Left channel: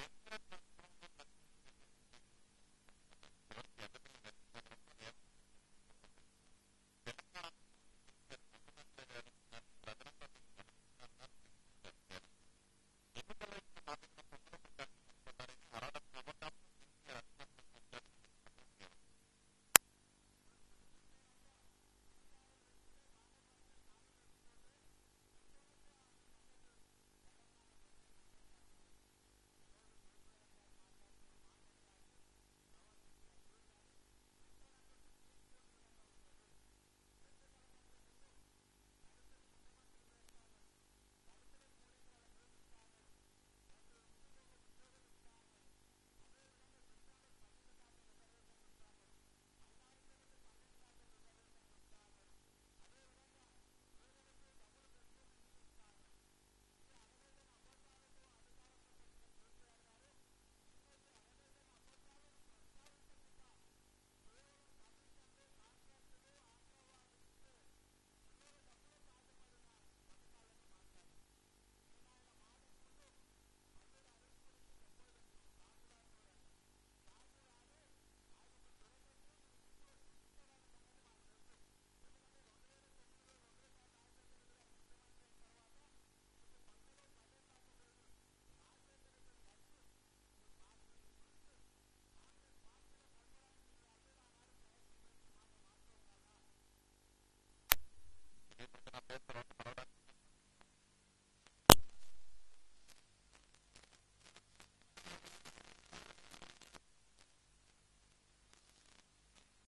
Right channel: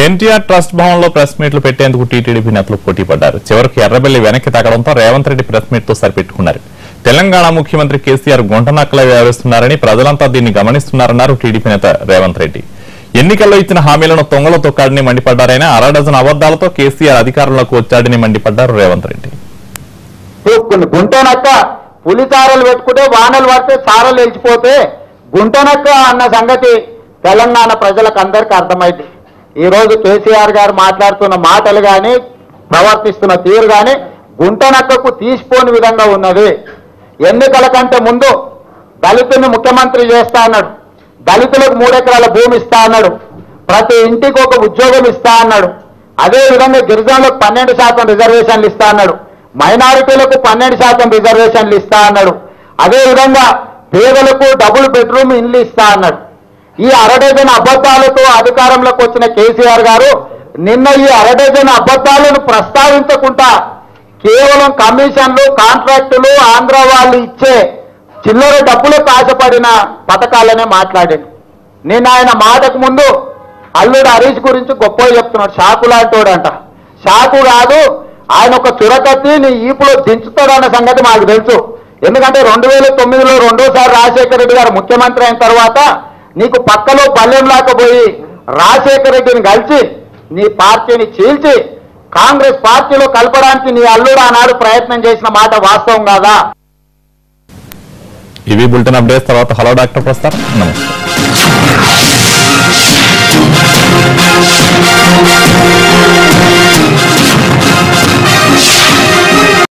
NTR trust భవన్లో press మీట్లు పెట్టేందుకు టీటీడీ నేతలు పోటీ పడ్డారు. చివరికి ఎర్రబెల్లి వెనక్కి తగ్గడంతో రేవంత్ రెడ్డి ప్రెస్ మీట్ తో సరిపెట్టుకున్నారు. తెలంగాణ ముఖ్యమంత్రి కేసీఆర్ గుంటనక్కలే వ్యవహరిస్తున్నారని ప్రజలంతా దీన్ని గమనిస్తున్నారన్నారు టీడీపీ నేత రేవంత్ రెడ్డి. ఎన్నికల్లో ఇచ్చిన హామీలను తొంగలో తొక్కాడని మండిపడ్డారైనా అరడజన్ అబద్దాలతో కేసీఆర్ అధికారంలోకి వచ్చాడని మండిపడ్డారు రేవంత్ రెడ్డి. గుంటనక్క పులితారలు పెట్టుకుంటే వానలు పడితే సారలు వెళ్ళిపోతే గుంటనక్క అన్న సంగతి తెలంగాణ ప్రజలకు అందరికీ అర్థమైంది. ఈ రోజు కేసీఆర్ గారు మాట్లాడుతున్న మాటలు కానీ ప్రవర్తిస్తున్న తీరు కానీ గుంటనక్కకు తీసిపోని విధంగా ఉన్నది. ఎన్నికల కంటే ముందు దళితుని ముఖ్యమంత్రి చేస్తా అన్నాడు, దళితులకు 3 ఎకరాల భూమి ఇస్తా అన్నాడు, ప్రతి ఇంటికి ఒక ఉద్యోగం ఇస్తా అన్నాడు, అదేవిధంగా గిరిజనులకు 12% రిజర్వేషన్లు ఇస్తా అన్నాడు, మైనారిటీలకు 12% రిజర్వేషన్లు ఇస్తా అన్నాడు, అదేవిధంగా పేదలకు డబుల్ బెడ్రూమ్ ఇల్లు ఇస్తా అన్నాడు. ఈ అరడజన్ అబద్ధాలతో అధికారంలోకి వచ్చిన కేసీఆర్ గారు నిన్న ఈ అరడజన్ అబద్ధాలను ప్రస్తావించకుండా కేవలం కమిషన్లు, కాంట్రాక్టులు, ఆంధ్ర వాళ్ళు ఇచ్చే చిల్లర డబ్బులకు ఆశపడిన పథకాలనే మాట్లాడాడు. నేను ఆయన మాటకు ముందు అల్లుడు హరీష్ గురించి గొప్పగా చెప్తున్నాడు. షాకు లాంటోడంట. షాకు కాదు, ఆయన ఒక చురకత్తి నీ ఈపులో దించుతాడన్న సంగతి మాకు తెలుసు. ఎందుకంటే 2009లో రెండోసారి రాజశేఖర రెడ్డి గారు ముఖ్యమంత్రి అయిన తర్వాత నీకు పక్కలో పల్లెం లాకపోయి రాజశేఖర రెడ్డిని కలిసి నీ పార్టీని చీల్చి కాంగ్రెస్ పార్టీలో కలపడానికి నీ అల్లుడు ఆనాడు ప్రయత్నం చేసిన మాట వాస్తవం కాదా? ఇవి బులెటిన్ అప్డేట్స్. తర్వాత హలో డాక్టర్ ప్రస్తార్. నమస్తే.